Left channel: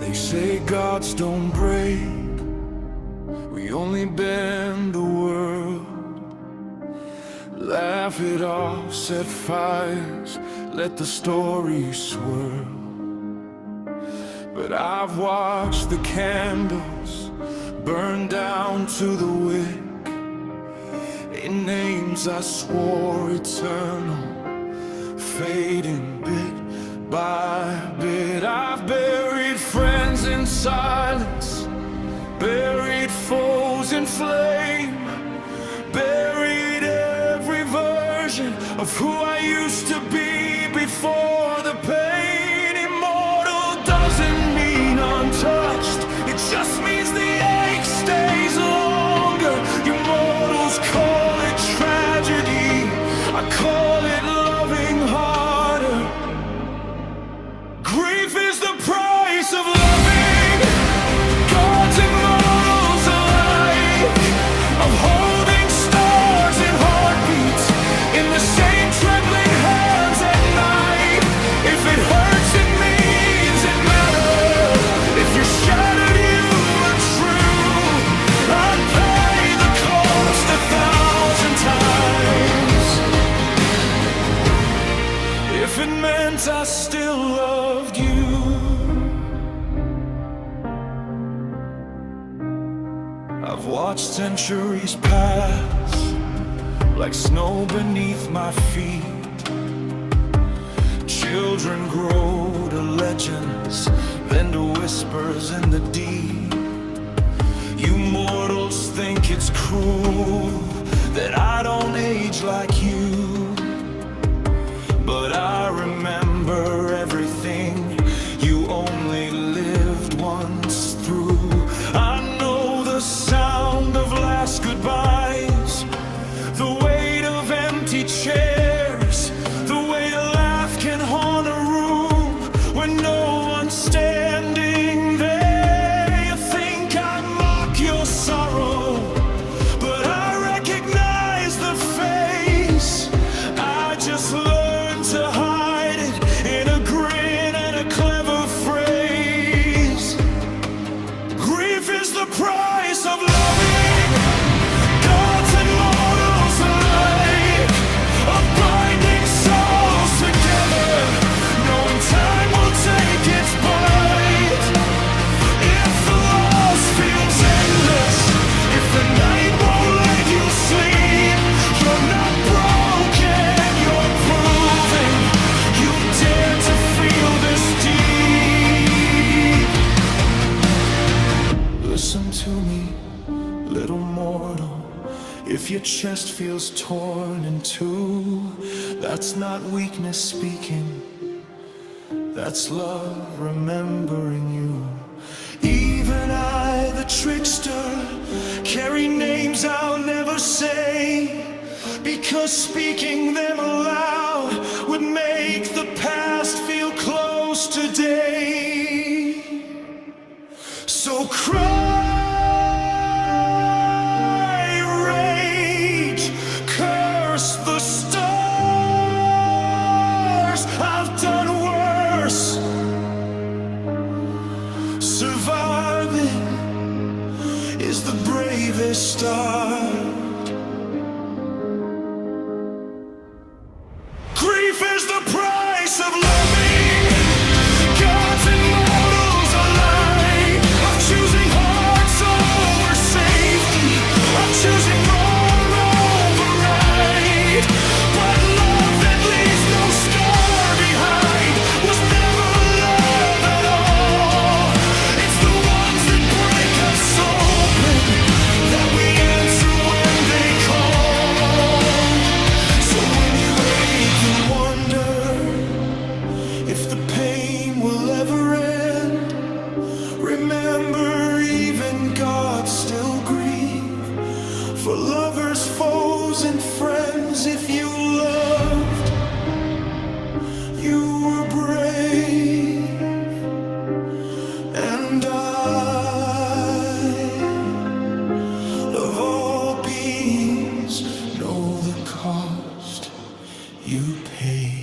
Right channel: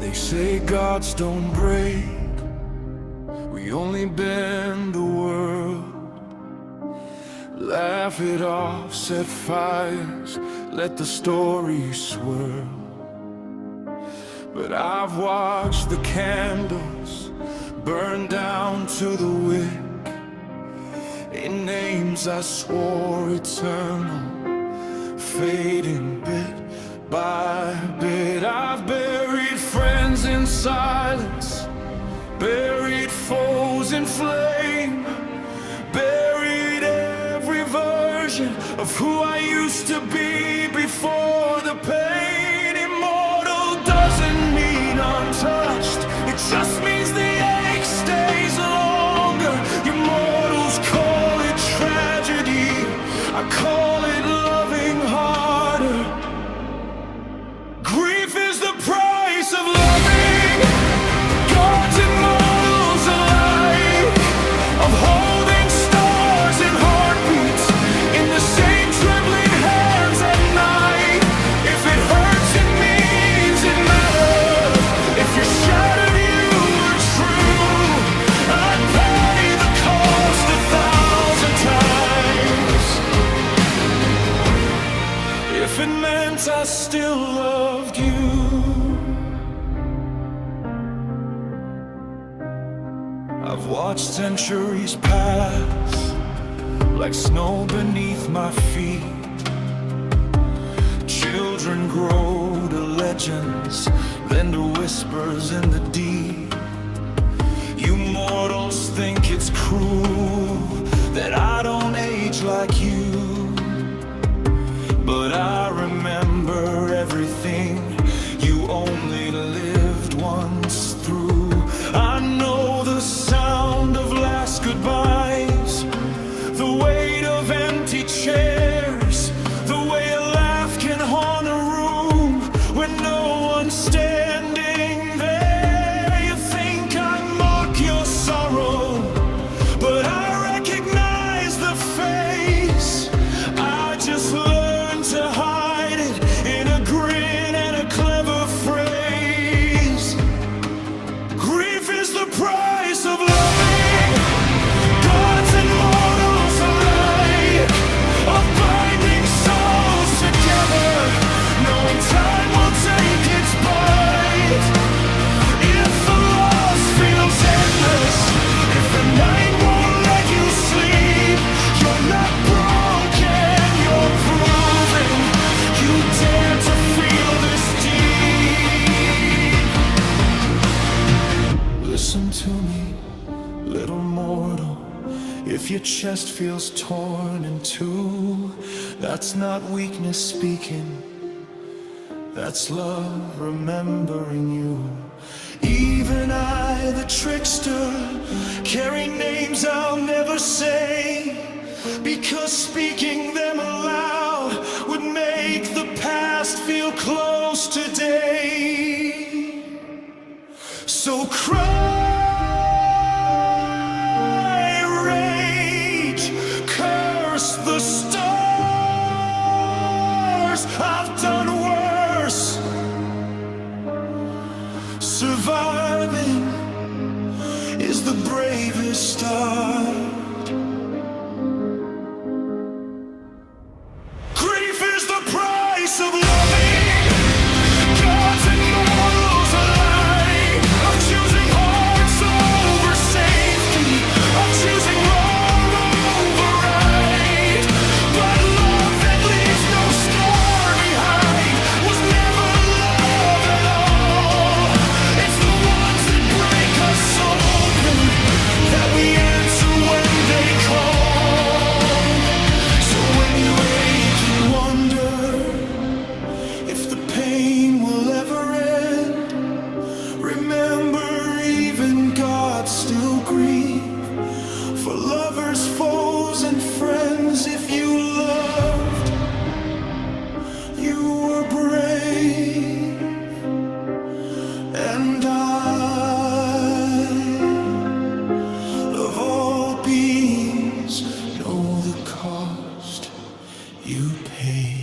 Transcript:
They say gods don't break, we only bend the world. Laugh it off, set fires, let the story swirl. But I've watched the candles burn down to the wick, in names I swore eternal, fading bit by bit. I've buried friends in silence, buried foes in flame, buried every version of who I used to be before the pain. Immortal doesn't mean untouched, it just means the ache stays longer. You mortals call it tragedy, I call it loving harder. Grief is the price of loving, gods and mortals alike, of holding stars in heartbeats in the same trembling hands at night. If it hurts, it means it mattered. If you're shattered, you were true. I'd pay the cost 1,000 times if it meant I still loved you. I've watched centuries pass like snow beneath my feet. Children grow to legends, then to whispers in the deep. You mortals think it's cruel that I don't age like you, but I remember everything you only lived once through. I know the sound of last goodbyes, the weight of empty chairs, the way a laugh can haunt a room when no one's standing there. You think I mock your sorrow, but I recognize the face. I just learned to hide it in a grin and a clever phrase. Grief is the price of loving, gods and mortals alike, of binding souls together, knowing time will take its bite. If the loss feels endless, if the night won't let you sleep, you're not broken, you're proving you dare to feel this deep. Listen to me, little mortal, if your chest feels torn in two, that's not weakness speaking, that's love remembering you. Even I, the trickster, carry names I'll never say, because speaking them aloud would make the past feel close today. So cry, rage, curse the stars. I've done worse. Surviving is the bravest start. Grief is the price of loving, gods and mortals alike, of choosing hearts over safety, of choosing wrong over right. But love that leaves no scar behind was never love at all. It's the ones that break us open that we answer when they call. So when you wonder if the pain will ever end, remember even gods still grieve for lovers, foes, and friends. If you loved, you were brave, and I, of all beings, know the cost you pay.